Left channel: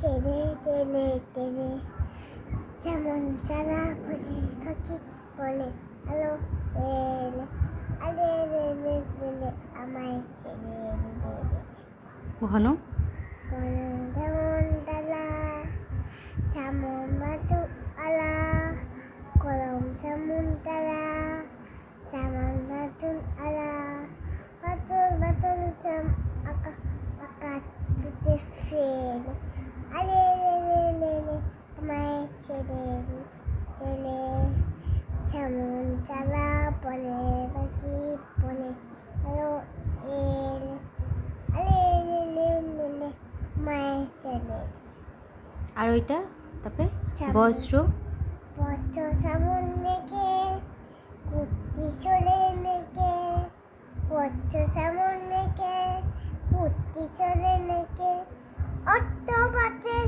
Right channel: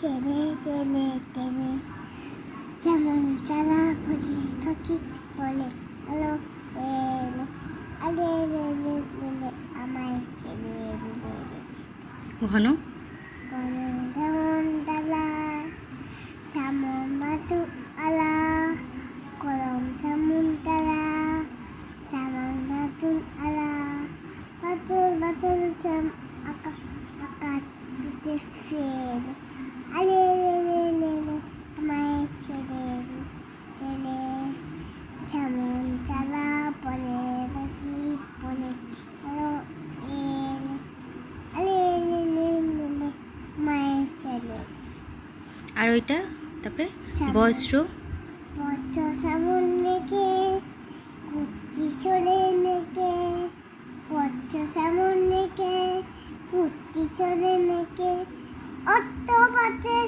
টেনে টেনে টেনে যেমন চালা ফোনে ঠকি বলে আলো এলে আলে লে আমায় ছেড়ে ঘন কোন যেমন ডালা যেমন মাতু আলা কলম যেমন ডালা যেমন নতুন আলা বাতুল বাতুল আকা আকা তুতে ফেলে আলে লে আমায় ছেড়ে দিলে যেমন চালা বনে বাকি বনে আলো এলে আলে লে আমায় ছেড়ে আর ওইটা তারপরে যেমন বজ্র বজ্র যেমন নেকে কুর্তি চলে নেকে বজ্র যেমন নেকে কুর্তি চলে নেকে অর্থ পাতে